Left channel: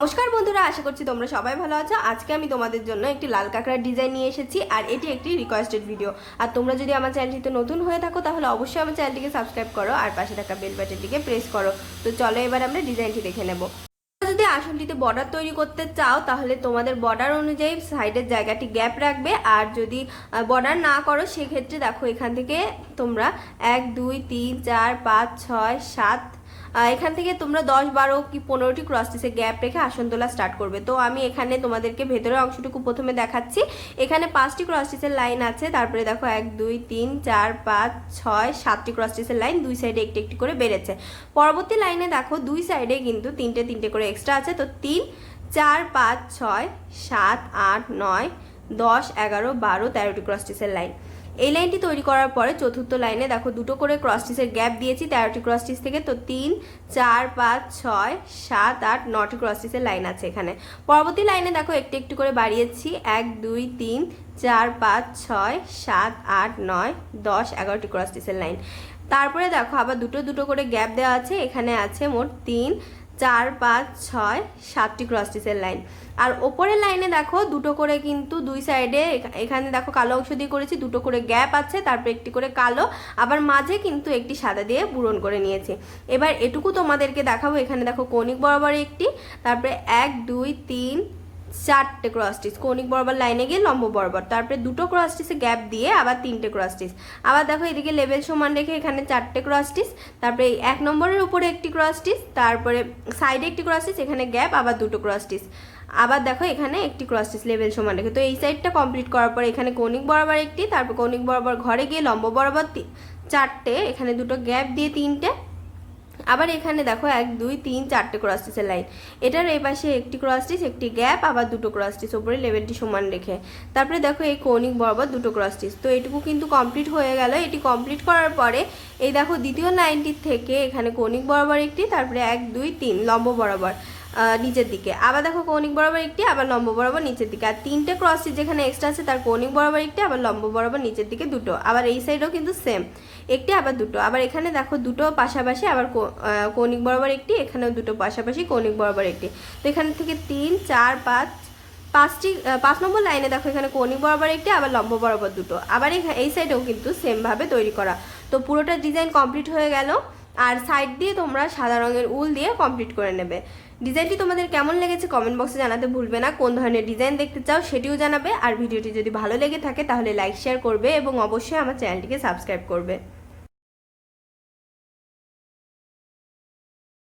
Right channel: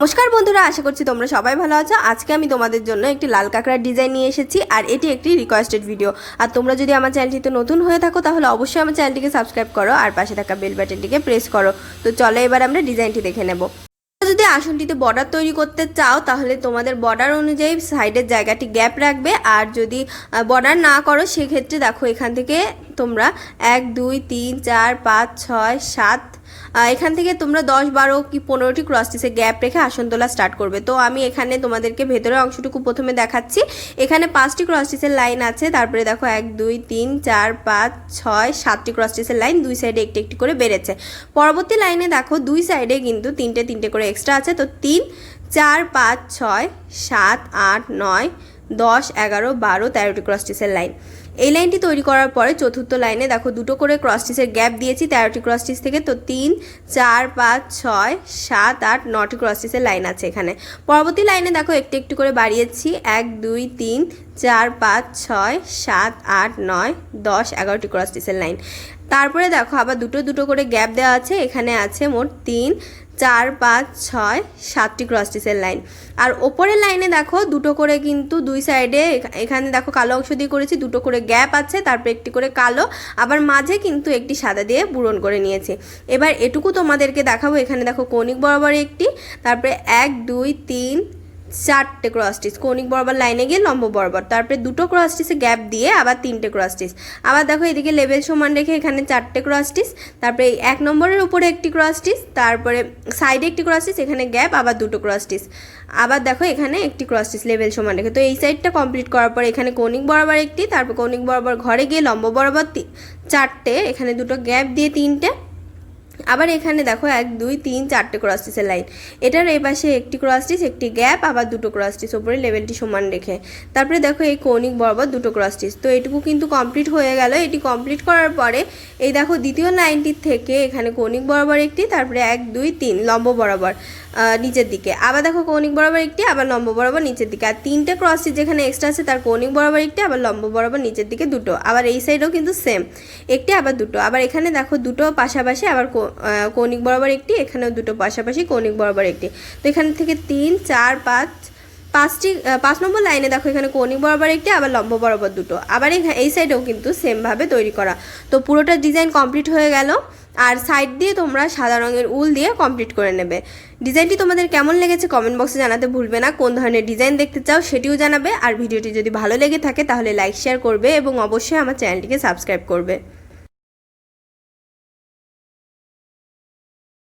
নমস্কার বন্ধুরা, আশা করছি তোমরা সবাই ভালো আছো। আজকে আমি তোমাদের জন্য একটি লাল কাঁকড়ার ডিজাইন নিয়ে এসেছি, আর এটি একটি রিকোয়েস্টেড ভিডিও। আর তোমরা যদি আমার চ্যানেলটিতে নতুন হয়ে থাকো তাহলে অবশ্যই আমার চ্যানেলটিকে সাবস্ক্রাইব করো আর পাশে থাকা বেল বাটনটিকে প্রেস করো। তো চলো এবার আমরা ডিজাইনটি দেখে নেব। যদি আসনটিতে বর্ডার তৈরি করতে চাও তাহলে তোমাদের বর্ডার অনুযায়ী সাইডের জায়গাটি গ্যাপ রাখবে, আর যদি বর্ডার না করো সেক্ষেত্রে দেখো এখান থেকে তোমরা 1 2 3 4 5 6 7 এখান থেকে তোমরা 10 12 কি 15টি ক্রস স্টিচে গ্যাপ রেখে আসন তোলা স্টার্ট করবে। তো আমি এখানে তোমাদেরকে ভেতরের অংশটুকু প্রথমে দেখাচ্ছি। এখানে 5টি ক্রস স্টিচের লাইন আছে, তারপরে দেখো 1 2 3 4 5 6 7টি ক্রস স্টিচের লাইন, দুই সাইডে একটি একটি করে বেড়েছে। পরবর্তী লাইনে দেখো দুই সাইডে কিন্তু তিনটে করে এক্সট্রা আছে। তো 3 4 5 6 7 8 9 10 11 12 13টি ক্রস স্টিচের লাইন। এই লাইনটি তৈরি করার পরে চতুর্থ লাইনে দেখো দুটো করে ক্রস স্টিচের গ্যাপ দিয়েছি 13টি ক্রস স্টিচ থেকে। তো 3 4 5 6 7 8 9টি ক্রস স্টিচের লাইন আছে এখানে। পরবর্তী লাইনে দেখো একটু একটু করে বাড়িয়েছি 1 2 3 4 5 6 7 8 9 10 11টি ক্রস স্টিচের লাইন। তারপরে দেখো আবার দুটো করে গ্যাপ দেওয়া আছে, এখানে আছে মোট 3 4 5 6 7টি ক্রস স্টিচের লাইন। আর ওপরের লাইনে দেখো দুটো করে কিন্তু দুই সাইডে এখানে দেখো কালো অংশ দিয়ে করেছি, দুটো করে গ্যাপ আছে, তারপরে একটি করে কালো, আবার মাঝে কিন্তু একটি সাদা দিয়ে পূরণ করে নিয়েছি। এবার এটুকু তোমাদেরকে দেখাবো। এখানে দেখো কৌণিক বরাবর একটি, তারপরে 1 2 3 4টে ক্রস স্টিচ কৌণিক বরাবর লাইনে গিয়ে লম্ব বরাবর, তারপরে দুটো ক্রস স্টিচে গ্যাপ দিয়ে আবার 3টে ক্রস স্টিচ। আবার দেখো এদিকে লেভেল সমান রেখে এখানে 4টে ক্রস স্টিচ, তারপরে 1 নম্বরের উপরে একটি ক্রস স্টিচ, তারপরে সাইডে একটি ক্রস স্টিচ, এখানে গ্যাপ, আবার দুটো ক্রস স্টিচ, আবার দেখো এখানে একটি ক্রস স্টিচ লেভেল সমান রেখে। তো এই সাইডটা কমপ্লিট করার পর এখানে কৌণিক বরাবর একটি, তারপর কৌণিক বরাবর ঘরে গিয়ে লম্ব বরাবর 4টে, এখানে দুটো গ্যাপ দিয়ে 3টে, আবার এখানে দেখো 1 2 3 4টে ক্রস স্টিচের লাইন। এটার এই পাশে একটি ক্রস স্টিচ, একটি গ্যাপ, আবার দুটো ক্রস স্টিচ উপরে লেভেলটি সমান রেখে। তারপরে দেখো এই কৌণিক বরাবর দুটো ক্রস স্টিচ। তো এটুকু কিন্তু কমপ্লিট হয়ে গেল। এটি কমপ্লিট করার পরে এই দেখো দ্বিতীয় লাইনটির থেকে এখানে কৌণিক বরাবর একটি, তারপরে 1 2 3 লম্ব বরাবর নিচের দিকে, আবার দেখো কৌণিক বরাবর একটি, আবার লম্ব বরাবর নিচের দিকে, আর 3টে ক্রস স্টিচ যেখানে এক্সট্রা আছে তার কৌণিক বরাবর একটি, আবার লম্ব বরাবর নিচের দিকে দুটো, আবার এই সাইডেও কিন্তু সেম একটি, আবার দুটো, আবার এখানে দেখো দুটো পাশাপাশি আবার কৌণিক বরাবর একটি, এখানেও দুটো পাশাপাশি কৌণিক বরাবর একটি। তো এখান থেকে 3 4 5 5 নম্বর লাইনে দেখো এখানে কৌণিক বরাবর একটি, আবার লম্ব বরাবর দুটো, আবার এই সাইডেও কিন্তু সেমভাবে তৈরি করা। তো পুরোটা ডিজাইন কমপ্লিট হয়ে গেল। আর সাইড দিয়ে তোমরা সাদা রঙের উল দিয়ে কমপ্লিট করে নেবে। ডিজাইনটি তোমাদের কেমন লেগেছে কমেন্ট বক্সে জানাতে ভুলবে না। কোন ধরনের ডিজাইন দেখতে চাও সেটিও জানাবে। আর ভিডিওটি যদি ভালো লেগে থাকে তাহলে লাইক শেয়ার করবে এবং অবশ্যই আমার চ্যানেলটিকে সাবস্ক্রাইব করবে।